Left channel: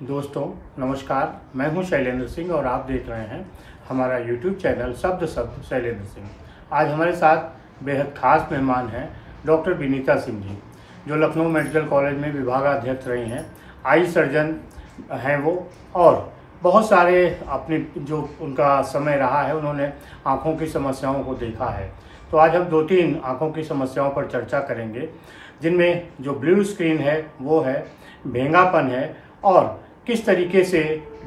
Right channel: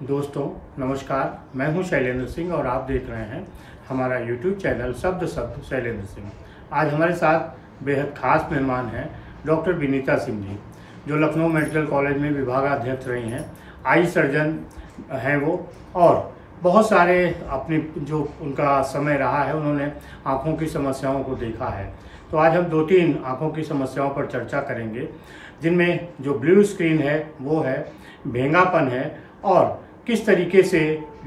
दोस्तों नमस्कार, मैं हूं शैलेंद्र सिंह और आप देख रहे हैं हमारा YouTube चैनल शब्द शैलेंद्र सिंह। आज हमारे साथ बेहद खास मेहमान हैं डॉक्टर विनीता सिंह जी, जो लखनऊ मेडिकल कॉलेज में विभागाध्यक्ष रही हैं, आई सर्जन हैं वो, और बहुत सारे अपनी जो उनका समय रहा है उन्होंने आँखों की समस्याओं को देखा है। तो आज हम 2-3 आँखों की समस्याओं पर चर्चा करेंगे, जिनमें जो ब्लू स्क्रीन है वो है, भेंगापन है, और किस तरीके से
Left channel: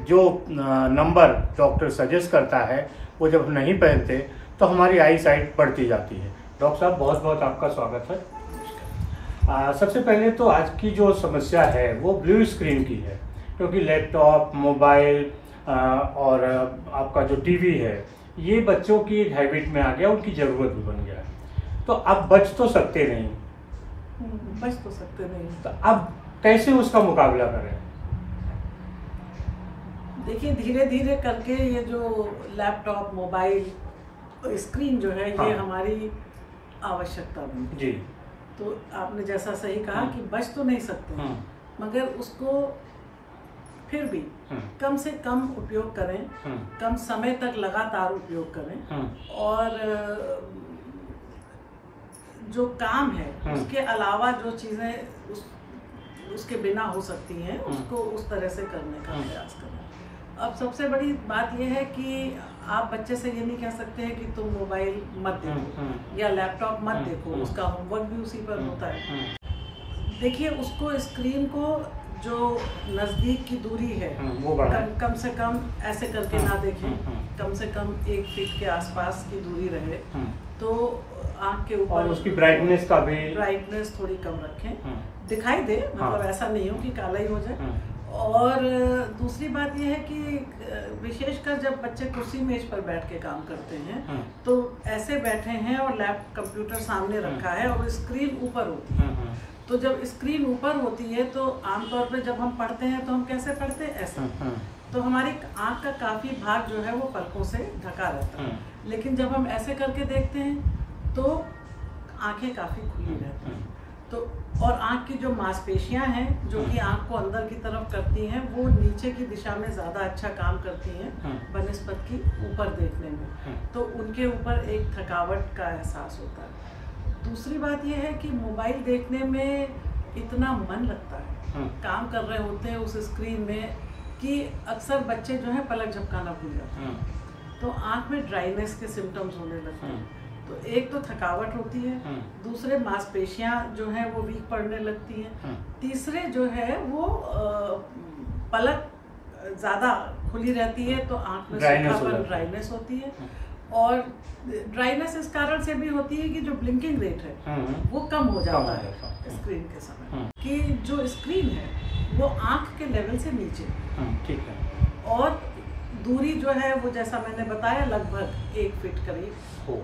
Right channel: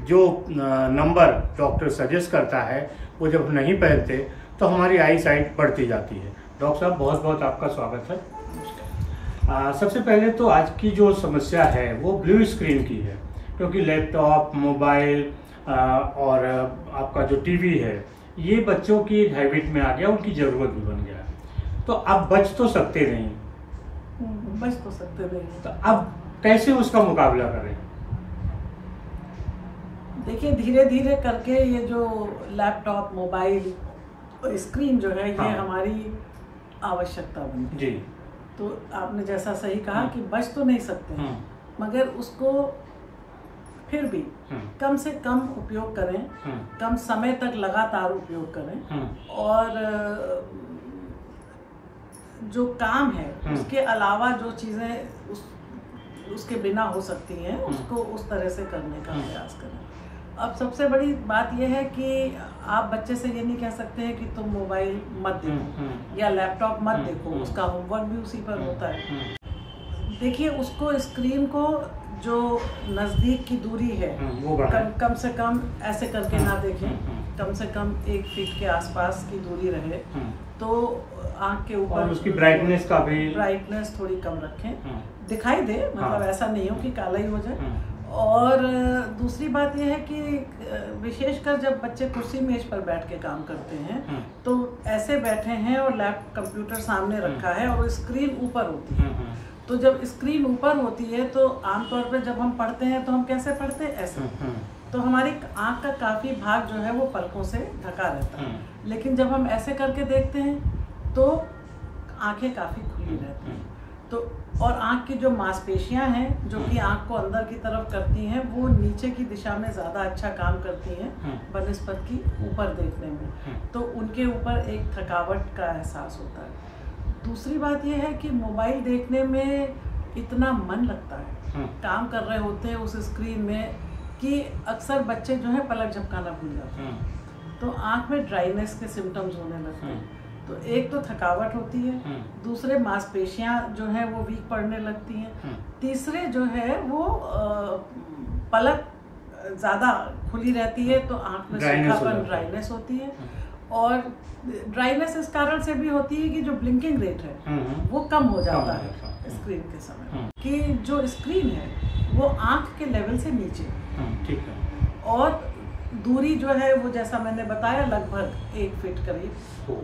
जो नंबर डॉक्टर सजेस्ट करता है वो जब नहीं पहनते तो हमारी आई साइट बढ़ती जाती है। डॉक्टर साहब, बहुत बहुत आपका स्वागत है। सबसे पहले तो आज की जो समस्या है वो ब्लू स्क्रीन की है, क्योंकि लैपटॉप, मोबाइल और आपका जो टीवी है ये बच्चों की एक हैबिट में आ गया, उनकी ज़रूरत भी बन गया। तो अब बच तो सकते नहीं, तो अब कैसे उसका मुकाबला करें? देखिए, धीरे धीरे करके ये जो लैपटॉप, मोबाइल और स्क्रीन जो है ये हमारी आवश्यकता बन गई। तो आपने जैसा सही कहा कि बच तो नहीं सकते, मगर उसको फिर भी कम से कम उपयोग करें, कम समय तक लगातार उपयोग करें, और जो काम है उसके अलावा जो चीजें उसके बिना हो सकती हैं उसको उस तरह से करने का प्रयास करें। अब सबसे बड़ी बात यह है कि आप बच्चे से ये नहीं कह सकते हैं कि तुम मोबाइल मत देखो या लैपटॉप मत देखो, उसका होमवर्क भी उसी पर होता है। देखिए, उसको स्क्रीन को जो नजदीक की दूरी है वो कम से कम ऐसे करके ना देखें, कम से कम 1 फीट के आसपास की दूरी रहे, तो आँख के ऊपर, और उसकी ब्राइटनेस का भी ब्राइटनेस थोड़ी कम रखें, दिखाई दे, मतलब ऐसा नहीं हो कि काला ही हो जाए। और दूसरी बात यह है कि विशेषकर जब बच्चे कुर्सी मेज पर बैठ के काम करते हैं तो ऐसे बैठे हैं और कंप्यूटर सामने रखा है और स्क्रीन ऊपर होती है, तो जब स्क्रीन ऊपर होती है तो आमतौर पर जब हम पढ़ते हैं तो हम कैसे पढ़ते हैं, ऐसे, तो हमारी आँख का काफी भाग जो है वो पलकों से ढका रहता है। लेकिन जब हम ऐसे करके देखते हैं तो आंखें काफी खुली रहती हैं। तो और आँख की जो मांसपेशियां हैं जो कि आँख को अंदर की तरफ करती हैं, वो नीचे की दिशा में ज्यादा अच्छा काम करती हैं बनिस्बत की ऊपर देखने में, तो उनके ऊपर एक थकावट का एहसास होता है। दूसरी बात यह है कि मोबाइल देखने में इतना मन लगता है, काम कर रहे होते हैं उस स्क्रीन में, कि अक्सर बच्चे जो है पलक झपकाना भूल जाते हैं, तो आँख में ड्राइनेस के सिम्टम्स होने लगते हैं। तो एक तो थकावट होती है, दूसरे मांसपेशियां जो है वो वीक पड़ने लगती हैं, तीसरे जो है वो पलक ज्यादा खुली रहती है तो आँख में सूखापन, ड्राइनेस होती है। और ड्राइनेस इस कारण से भी होती है कि जो ब्लिंकिंग रेट है वो कम हो जाता है स्क्रीन के समय, कि जो स्क्रीन है वो आँख के लेवल से नीचे, ठीक है, और दूरी जो है वो जैसा मैंने बताया लगभग 1 फीट करीब हो।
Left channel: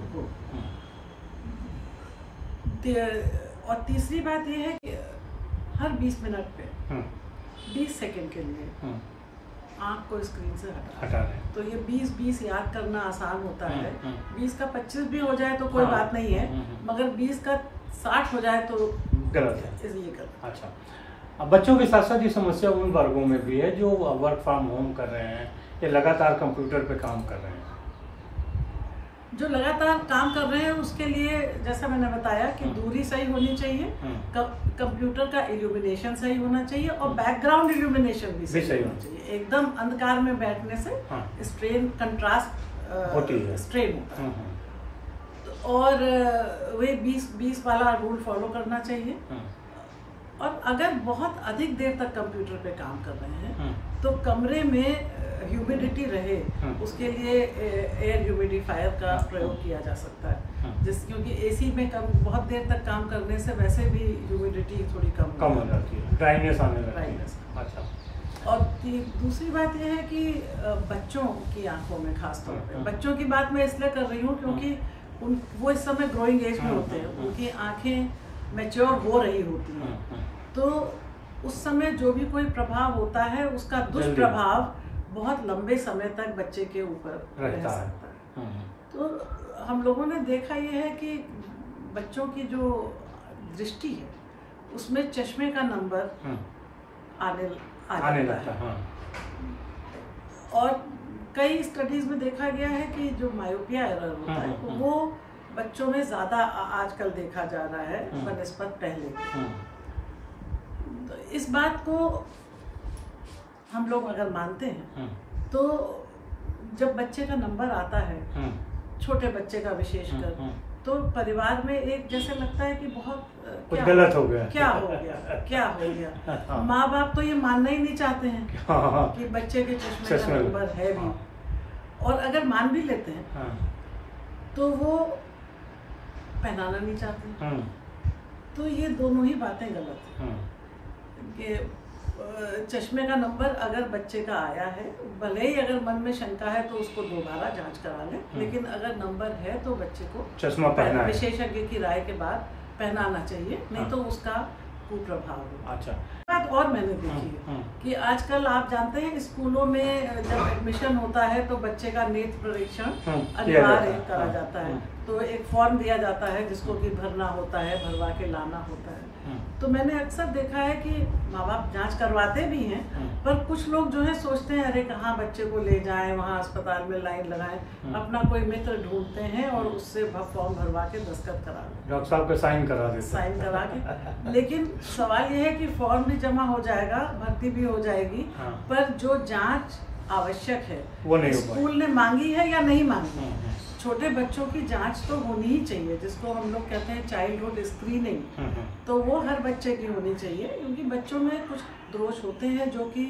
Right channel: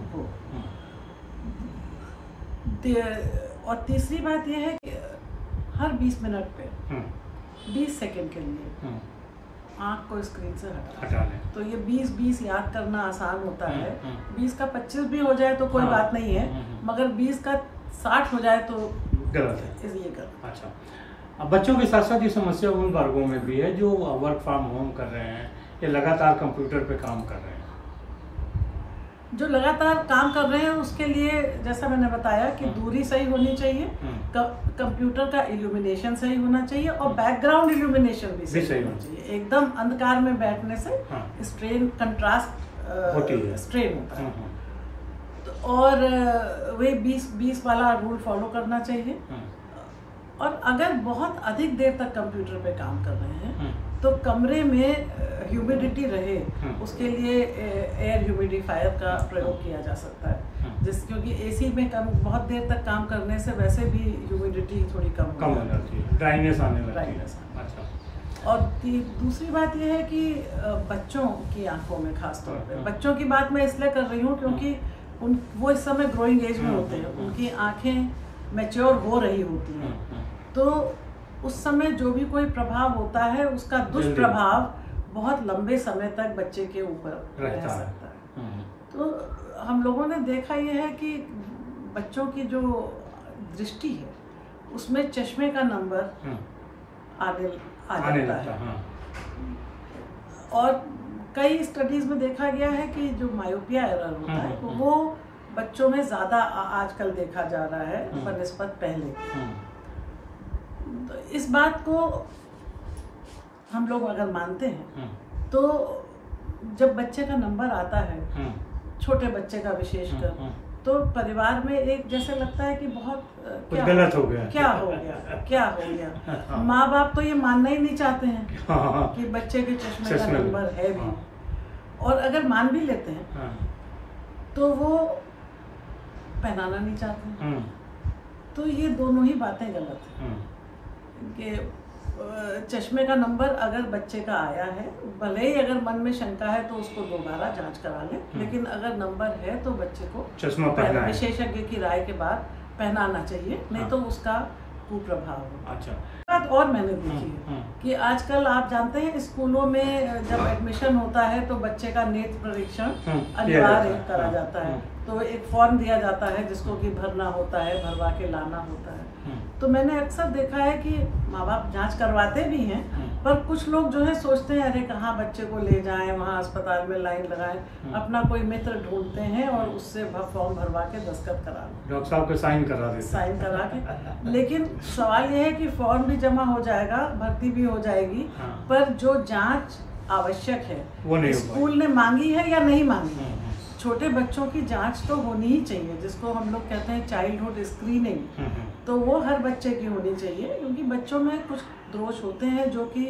और तीसरी बात यह है कि हर 20 मिनट पे 20 सेकंड के लिए आँख को स्क्रीन से हटा लें। तो ये 20-20 याद करना आसान होता है, 20 का 25 भी हो जाए तो कोई बात नहीं है, मगर 20 का 60 हो जाए तो गलत है, इसलिए गलत। अच्छा, अब बच्चों के साथ साथ ये समस्या उन वर्गों में भी है जो वर्क फ्रॉम होम कर रहे हैं या लगातार कंप्यूटर पे काम कर रहे हैं। जो लगातार काम कर रहे हैं उसके लिए जैसा मैंने बताया कि दूरी सही होनी चाहिए, कंप्यूटर का इल्यूमिनेशन सही होना चाहिए, और बैकग्राउंड इल्यूमिनेशन भी सही होना चाहिए। एकदम अंधकार में बैठने से स्ट्रेन, कंट्रास्ट होती है, स्ट्रेन होता है। और वे 20-20 वाला रूल फॉलो करना चाहिए। और अगर बहुत अधिक देर तक कंप्यूटर पे काम कर रहे हैं तो कमरे में ह्यूमिडिटी रहे, उसके लिए एयर ह्यूमिडिफायर का प्रयोग किया जा सकता है, क्योंकि एसी में बहुत देर तक काम करने से वैसे भी ह्यूमिडिटी थोड़ी कम हो जाती है, ड्राइनेस आने लगती है। अच्छा, और दूसरी बात यह है कि बच्चों की आंखों में खास तौर पे, बच्चों की बात मैं इसलिए कर रही हूँ क्योंकि वो इस समय ग्रोइंग एज में होते हैं, उनकी आंखें मैच्योर हो रही होती हैं, तो उस समय जो भी कोई प्रभाव होता है उसका दुष्प्रभाव बहुत लंबे समय तक बच्चे के ऊपर रह सकता है। तो हम लोगों ने देखा यह है कि बच्चों की जो दृष्टि है उसमें चश्मे का नंबर आने लगता है। और कई स्टडीज में देखा गया है कि जो मायोपिया एरर होता है वो बच्चों में ज्यादा आजकल देखा जा रहा है बनस्पत पहले। तो इस बात को हम लोग अगर मानते हैं तो जब बच्चे का नंबर आता है, छोटे बच्चे का विशेषकर, तो परिवार में एक जैसे लगता है कि बहुत कुछ गलत हो गया, क्या हो गया। माँ बाप तो ये मानना ही नहीं चाहते हैं कि बच्चे के चश्मे का नंबर है भी, और अगर मान भी लेते हैं तो वो पहनाना नहीं चाहते। तो ये दोनों ही बातें गलत हैं कि चश्मे का नंबर अगर बच्चे का आया है, भले ही अगर मन में शंका है तो उसको दोबारा जांच करा लें, लेकिन अगर नंबर है तो बच्चे को चश्मा पहना विशेषज्ञ की राय के बाद पहनाना चाहिए, नहीं तो उसका कुप्रभाव होगा। अच्छा बात और मैंने देखी है कि आजकल आप जानते हैं स्कूलों में जब एडमिशन होता है तो बच्चे का नेत्र परीक्षण अनिवार्य करा जाता है। तो एक फॉर्म दिया जाता है जिसको कि भरना होता है, भरवा के लाना होता है। तो मैंने अक्सर देखा है कि माँ बाप जांच करवाते भी हैं, पर कुछ लोग जो है सोचते हैं अरे कहाँ बच्चे को ले जाएं, वहाँ अस्पताल में लाइन लगाएं, अपना कोई मित्र ढूंढते हैं और उससे फॉर्म भरवा के दस्तखत करा लें, डॉक्टर साहब का साइन करा देते, साइन करा के। लेकिन सवाल ये है कि फॉर्म भी जमा हो जाएगा, भर्ती भी हो जाएगी, पर जो जांच आवश्यक है वो नहीं स्कूल ने मांगी है या नहीं मांगी। छोटे बच्चों की जांच तो होनी ही चाहिए, जिसको हम लोग कहते हैं चाइल्डहुड स्क्रीनिंग, तो वो हर बच्चे की होनी चाहिए, क्योंकि बच्चों में कुछ दोष होते हैं जो कि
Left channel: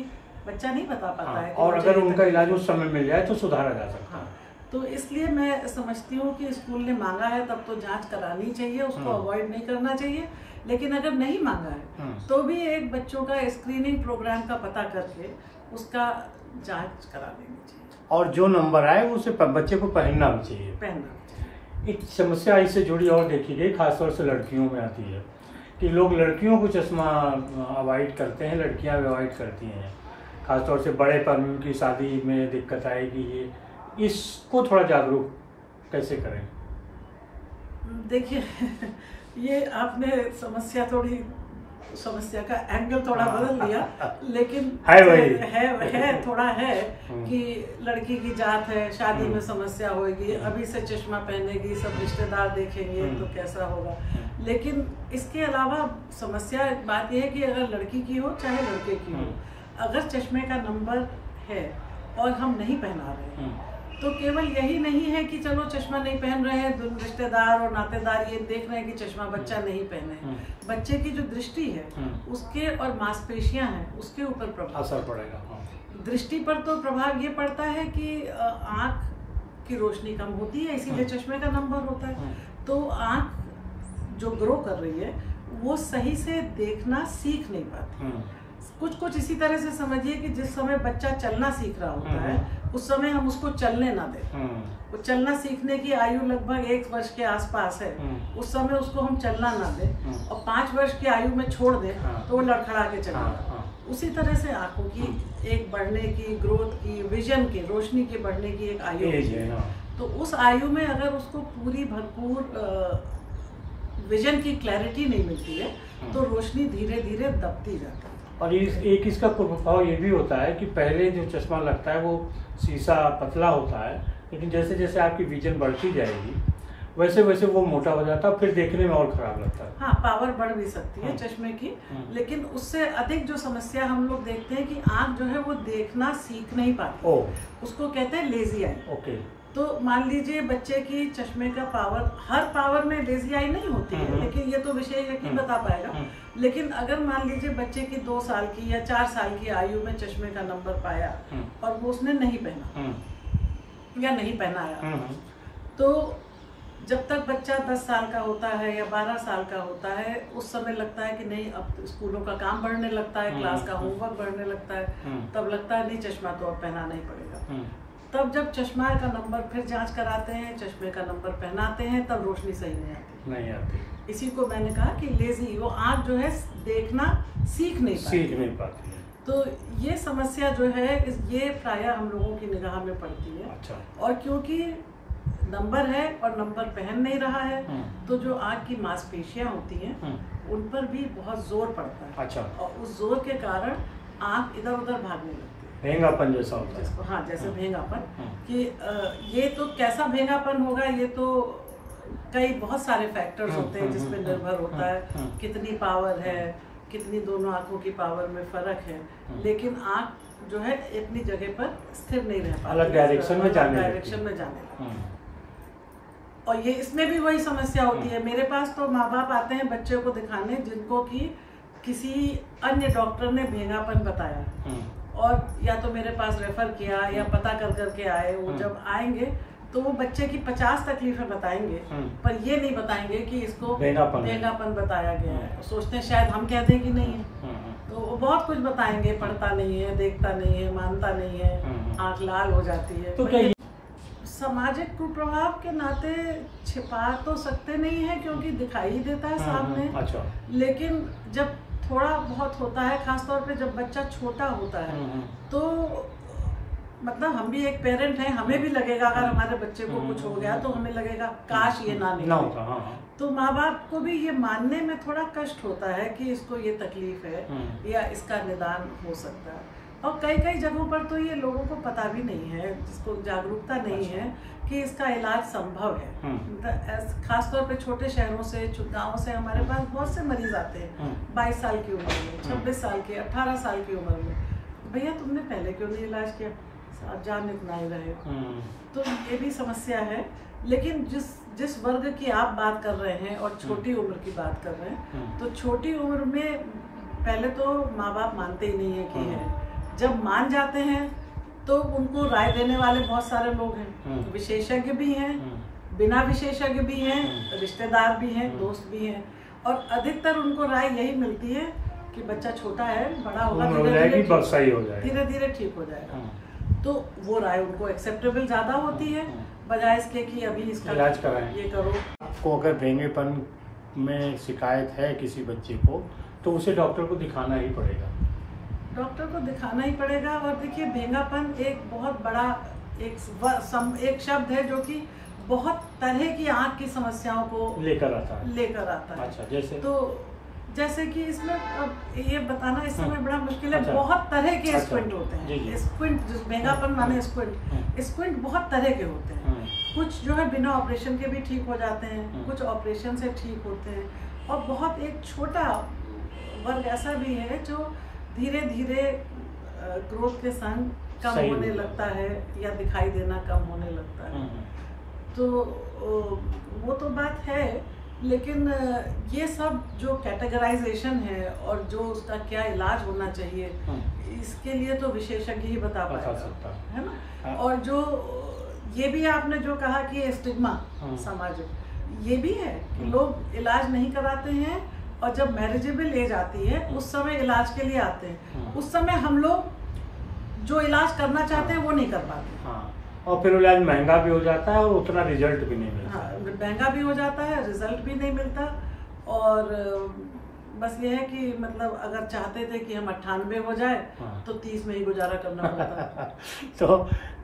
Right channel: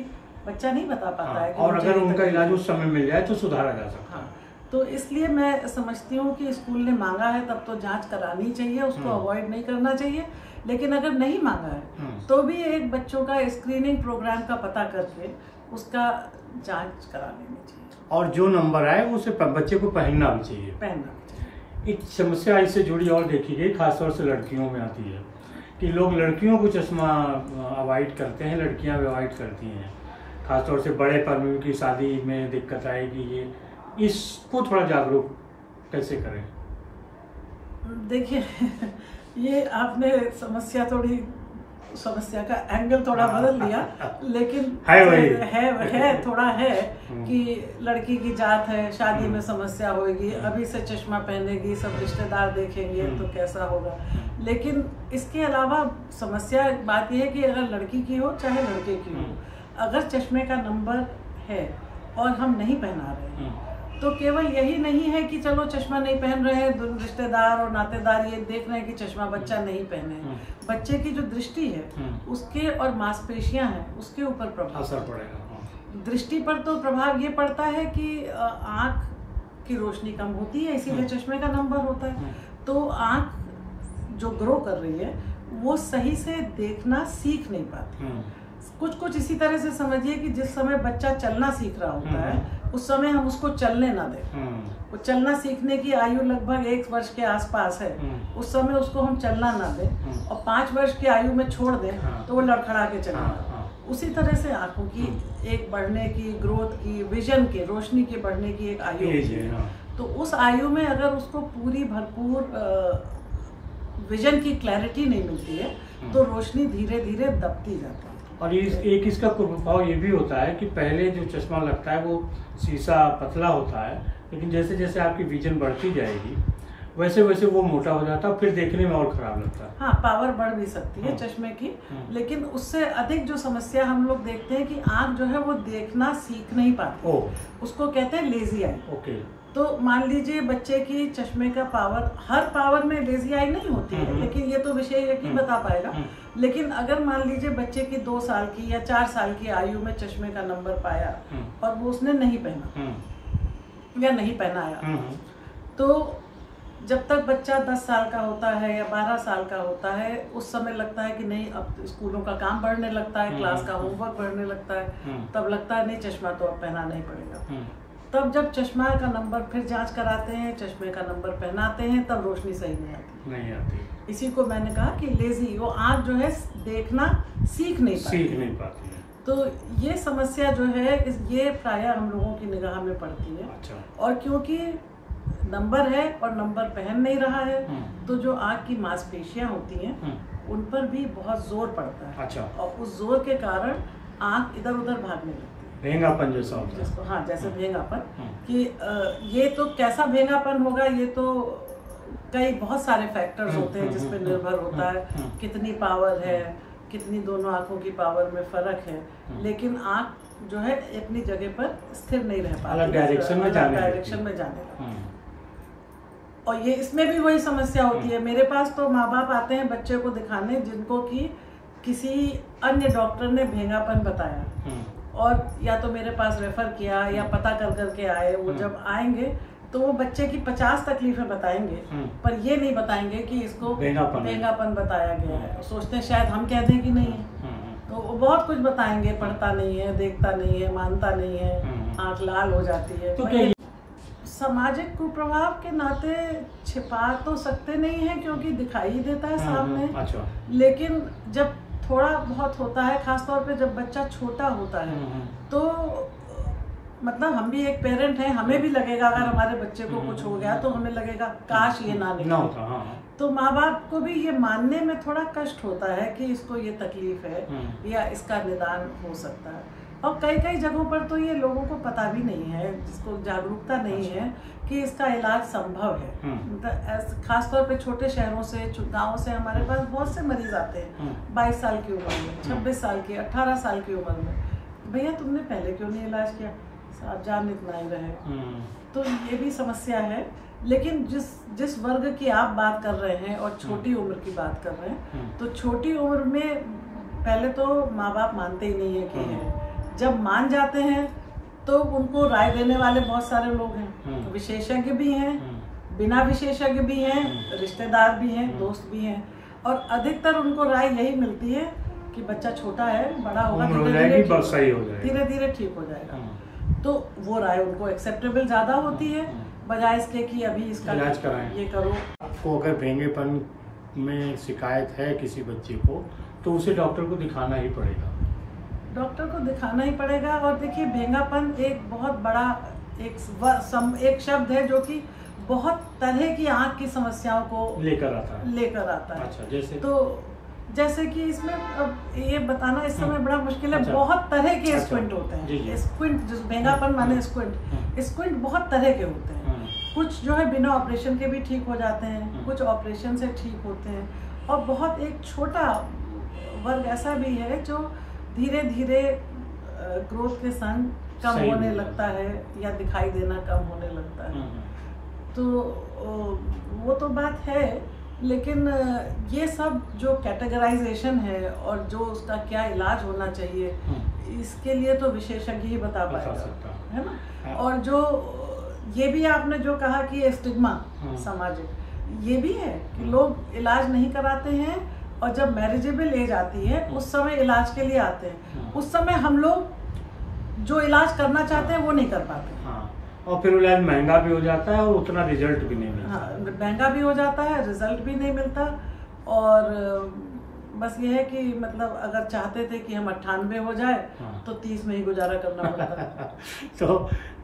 बच्चा नहीं बता पाता है। और अगर उनका इलाज उस समय मिल जाए तो सुधारा जा सकता है। तो इसलिए मैं समझती हूँ कि स्कूल ने मांगा है तब तो जांच करानी चाहिए, उसको अवॉइड नहीं करना चाहिए। लेकिन अगर नहीं मांगा है तो भी एक बच्चों का स्क्रीनिंग प्रोग्राम का पता करके उसका जांच करा लेनी चाहिए। और जो नंबर आए उसे बच्चे को पहनना भी चाहिए। एक समस्या इससे जुड़ी और देखी गई, खासतौर से लड़कियों में आती है कि लोग लड़कियों को चश्मा अवॉइड करते हैं, लड़कियां अवॉइड करती हैं। खासतौर से बड़े पर्व की शादी में दिक्कत आएगी, ये इसको थोड़ा जागरूक कैसे करें? देखिए ये आपने समस्या का एंगल थोड़ा बदल लिया, लेकिन है थोड़ा है कि लड़की की जात है, शादी में समस्या होगी, अभी से चश्मा पहनेगी, सब रिश्तेदार देखेंगे तो कैसा होगा। लेकिन इसके अलावा समस्या बात यह है कि अगर लड़की की हो चाहे लड़के की हो, अगर चश्मे का नंबर है और हम नहीं पहना रहे हैं तो केवल यही नहीं है कि चलो चश्मा नहीं पहन रहे हैं, रिश्तेदार और नातेदार ये देख रहे हैं कि चश्मा बच्चा नहीं पहने हैं, बच्चे की जो दृष्टि है उसके और मांसपेशियां हैं उसके ऊपर प्रभाव असर पड़ेगा। दृष्टि पर तो प्रभाव ये पड़ता है कि आंख की रोशनी कम होती है, इसीलिए चश्मे का नंबर होता है। तो आंख जो ग्रो कर रही है वो सही से देखना सीख नहीं पाती। कुछ इसी तरह से समझिए कि जिस समय बच्चा चलना सीख रहा होता है उस समय हम उसको चलने ना दें। वो चलना सीखने की आयु लगभग 1 वर्ष के आसपास है, उस समय उसको हम चलना ना दें और 5 वर्ष की आयु में छोड़ दें तो वो लड़खड़ा के चलेगा। उसी तरह से आंखों की एक बढ़ने की, ग्रोथ की, विजन की, रोशनी के बढ़ने की एक आयु है। तो उस आयु में अगर उसको पूरी भरपूर विजन की क्लैरिटी नहीं मिलती है तो रोशनी धीरे धीरे दबती जाती है। और एक इसका कुप्रभाव ये भी होता है कि पहले जो चश्मा लगता है वो शीशा पतला होता है, लेकिन जैसे जैसे आपकी विजन बढ़ती जाएगी वैसे वैसे वो मोटा हो जाता है, फिर देखने में और खराब लगता है। हाँ, पावर बढ़ भी सकती है चश्मे की, लेकिन उससे अधिक जो समस्या हम लोग देखते हैं कि आँख जो है वो देखना सीख नहीं पाती, उसको कहते हैं लेजी आई। ओके। तो मान लीजिए बच्चे की चश्मे का पावर, हर पावर में लेजी आई नहीं होती है, लेकिन ये तो विशेषज्ञ बता पाएगा। लेकिन अगर मान लीजिए बच्चे की 2 साल की या 4 साल की आयु में चश्मे का नंबर पाया और वो उसने नहीं पहना या नहीं पहनाया, तो जब तक बच्चा 10 साल का होता है या 12 साल का होता है उस समय लगता है कि नहीं, अब स्कूलों का काम बढ़ने लगता है, क्लास का होमवर्क बढ़ने लगता है, तब लगता है नहीं चश्मा तो अब पहनाना ही पड़ेगा। तब जब चश्मा का नंबर फिर जांच कराते हैं, चश्मे का नंबर पहनाते हैं, तब रोशनी सही नहीं आती। इसी को मैंने कहा कि लेजी, वो आँख जो है देखना सीख नहीं पाती है। तो ये समस्या जो है ये प्रायः हम लोगों की निगाह में पड़ती है। अच्छा। और क्योंकि नंबर है और नंबर पहन नहीं रहा है तो जो आँख की मांसपेशियां होती हैं उन पर भी बहुत जोर पड़ता है। अच्छा। और उस जोर के कारण आंख इधर उधर भागने लगती है, भेंगापन जैसा होता है जिसको, हाँ जैसे भेंगापन, कि ये तो कैसा भेंगापन होगा, ये तो कई बहुत सारे फैक्टर्स होते हैं जिस पे निर्भर होता है, कितनी पावर है, कितनी दोनों आंखों की पावर में फर्क है, लेकिन आंख जो है अपनी जगह पर स्थिर नहीं रह पाती, अलग डायरेक्शन में जाने लगती है। और ये इसमें भी वही समस्या होती है। मेरे पास तो माँ बाप आते हैं बच्चे को दिखाने जिनको कि किसी अन्य डॉक्टर ने भेंगापन बताया, और या तो मेरे पास रेफर किया या पता कर करके आए। वो जब आएंगे तो वो बच्चे की 50 तकलीफें बताएंगे, पर ये नहीं बताएंगे कि इसको भेंगापन बताया गया है। सोचते हैं शायद हम कह दें कि नहीं है, तो वो बहुत कुछ बताएंगे, पढ़ता नहीं है, देखता नहीं है, मानता नहीं है, आंख लाल हो जाती है। तो सामाजिक कुप्रभाव के नाते छिपा तो सकते नहीं है क्योंकि दिखाई ही देता है सामने। अच्छा। लेकिन जब थोड़ा बहुत होता है, खासतौर पे जब बच्चा छोटा होता है, तो मतलब हम भी एक पेरेंट हैं, हमें भी लगेगा अगर हमारे बच्चे को कुछ हो गया तो हमें लगेगा काश ये ना होता। तो माँ बाप को भी ये मानने में थोड़ा कष्ट होता है कि इसको ये तकलीफ है या इसका निदान हो सकता है। और कई कई जगहों पर तो ये लोगों को पता भी नहीं है, जिसको जागरूकता नहीं है कि इसका इलाज संभव है। खासतौर पे छोटे शहरों से, गाँव से हमारे पास बहुत से मरीज आते हैं 22 साल की उम्र में, 26 साल के, 18 साल की उम्र में। भैया तुमने पहले क्यों नहीं इलाज किया, आप जान इतना ही रहे। तो ये भी समस्या है। लेकिन जिस वर्ग की आप बात कर रहे हैं और छोटी उम्र की बात कर रहे हैं, तो छोटी उम्र में पहले तो माँ बाप मानते ही नहीं है कि है। जब मान जाते हैं तो उनको राय देने वाले बहुत सारे लोग हैं, विशेषज्ञ भी हैं, बिना विशेषज्ञ भी हैं, रिश्तेदार भी हैं, दोस्त भी हैं, और अधिकतर उनको राय यही मिलती है कि बच्चा छोटा है, बड़ा होगा, धीरे धीरे ठीक हो जाएगा। तो वो राय उनको एक्सेप्टेबल ज्यादा होती है, बजाय इसके कि अभी इसका इलाज कराएं। ये करो। आपको अगर भेंगेपन में शिकायत है किसी बच्चे को, तो उसे डॉक्टर को दिखाना ही पड़ेगा। डॉक्टर को दिखाना ही पड़ेगा। और देखिए, भेंगापन एक बहुत बड़ा एक शब्द है जो कि बहुत तरह की आंख की समस्याओं को लेकर आता है। अच्छा, जैसे कि इसमें अब ये बताना इस समय बड़ा मुश्किल है। बहुत तरह के स्क्विंट होते हैं। स्क्विंट, भेंगापन माने स्क्विंट बहुत तरह के होते हैं। कुछ जो है बिना ऑपरेशन के भी ठीक हो जाते हैं, कुछ ऑपरेशन से ठीक होते हैं, और बहुत एक छोटा वर्ग ऐसा भी है जो धीरे धीरे ग्रोथ के संग कम होने लगता है या दिखाई देना कम होने लगता है। तो वो तो बात है, लेकिन ये सब जो कैटेगराइजेशन है और जो उसका क्या इलाज होना चाहिए, इसके लिए तो विशेषज्ञ ही बता पाएगा, है ना। और जो ये भी आपने जो कहा कि स्टिग्मा सामाजिक, ये भी है कि लोग इलाज नहीं कराते हैं, और जब मैरिजेबल एज आती है उस समय इलाज के लिए आते हैं। उस समय हम लोग जो इलाज करना चाहते हैं वो नहीं कर पाते। और फिर इलाज महंगा भी हो जाता है और उतना रिजल्ट भी नहीं मिलता। महंगा भी हो जाता है, रिजल्ट भी नहीं मिलता। और बस ये है कि मतलब अगर चाहते थे कि हम 98 हो जाए तो 30 में ही गुजारा करना पड़ता। तो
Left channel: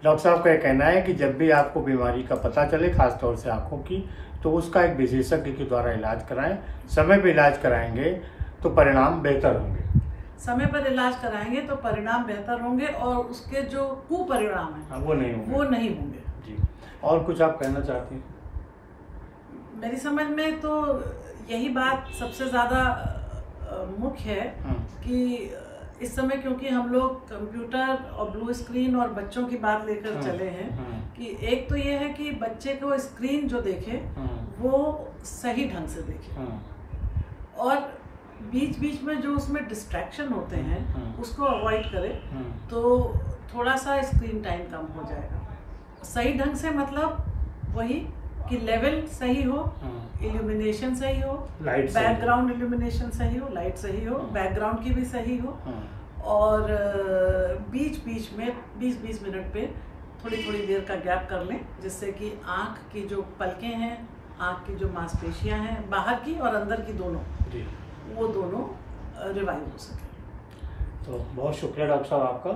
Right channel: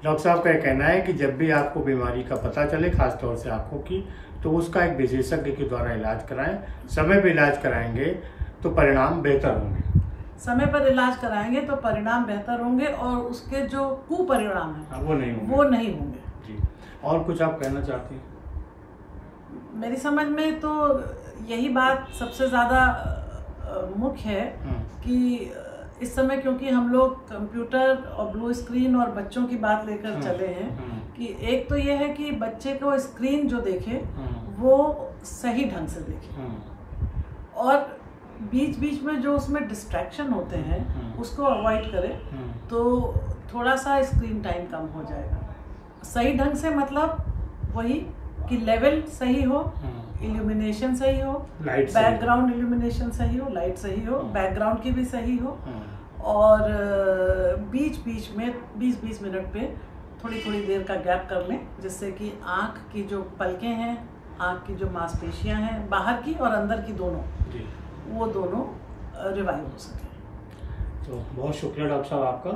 डॉक्टर साहब का कहना है कि जब भी आपको बीमारी का पता चले, खासतौर से आंखों की, तो उसका एक विशेषज्ञ के द्वारा इलाज कराएं। समय पर इलाज कराएंगे तो परिणाम बेहतर होंगे। समय पर इलाज कराएंगे तो परिणाम बेहतर होंगे, और उसके जो कुपरिणाम हैं वो नहीं होंगे। जी। और कुछ आप कहना चाहती हैं? मेरी समझ में तो यही बात सबसे ज्यादा मुख्य है कि इस समय क्योंकि हम लोग कंप्यूटर और ब्लू स्क्रीन और बच्चों की बात लेकर चले हैं, कि एक तो ये है कि बच्चे को स्क्रीन जो देखे वो सही ढंग से देखे, और बीच बीच में जो उसमें डिस्ट्रैक्शन होते हैं उसको अवॉइड करे, तो थोड़ा सा स्क्रीन टाइम कम हो जाएगा। सही ढंग से मतलब वही कि लेवल सही हो, इल्यूमिनेशन सही हो, बैकग्राउंड इल्यूमिनेशन सही हो, लाइट सही हो, बैकग्राउंड की भी सही हो, और बीच बीच में 20-20 मिनट पे थोड़ी थोड़ी देर का गैप कर लें, जिससे कि आँख की जो पलकें हैं, आँख की जो मांसपेशियां हैं, बाहर की और अंदर की दोनों, वो दोनों रिवाइव हो सके। तो बहुत शुक्रिया डॉक्टर साहब आपका।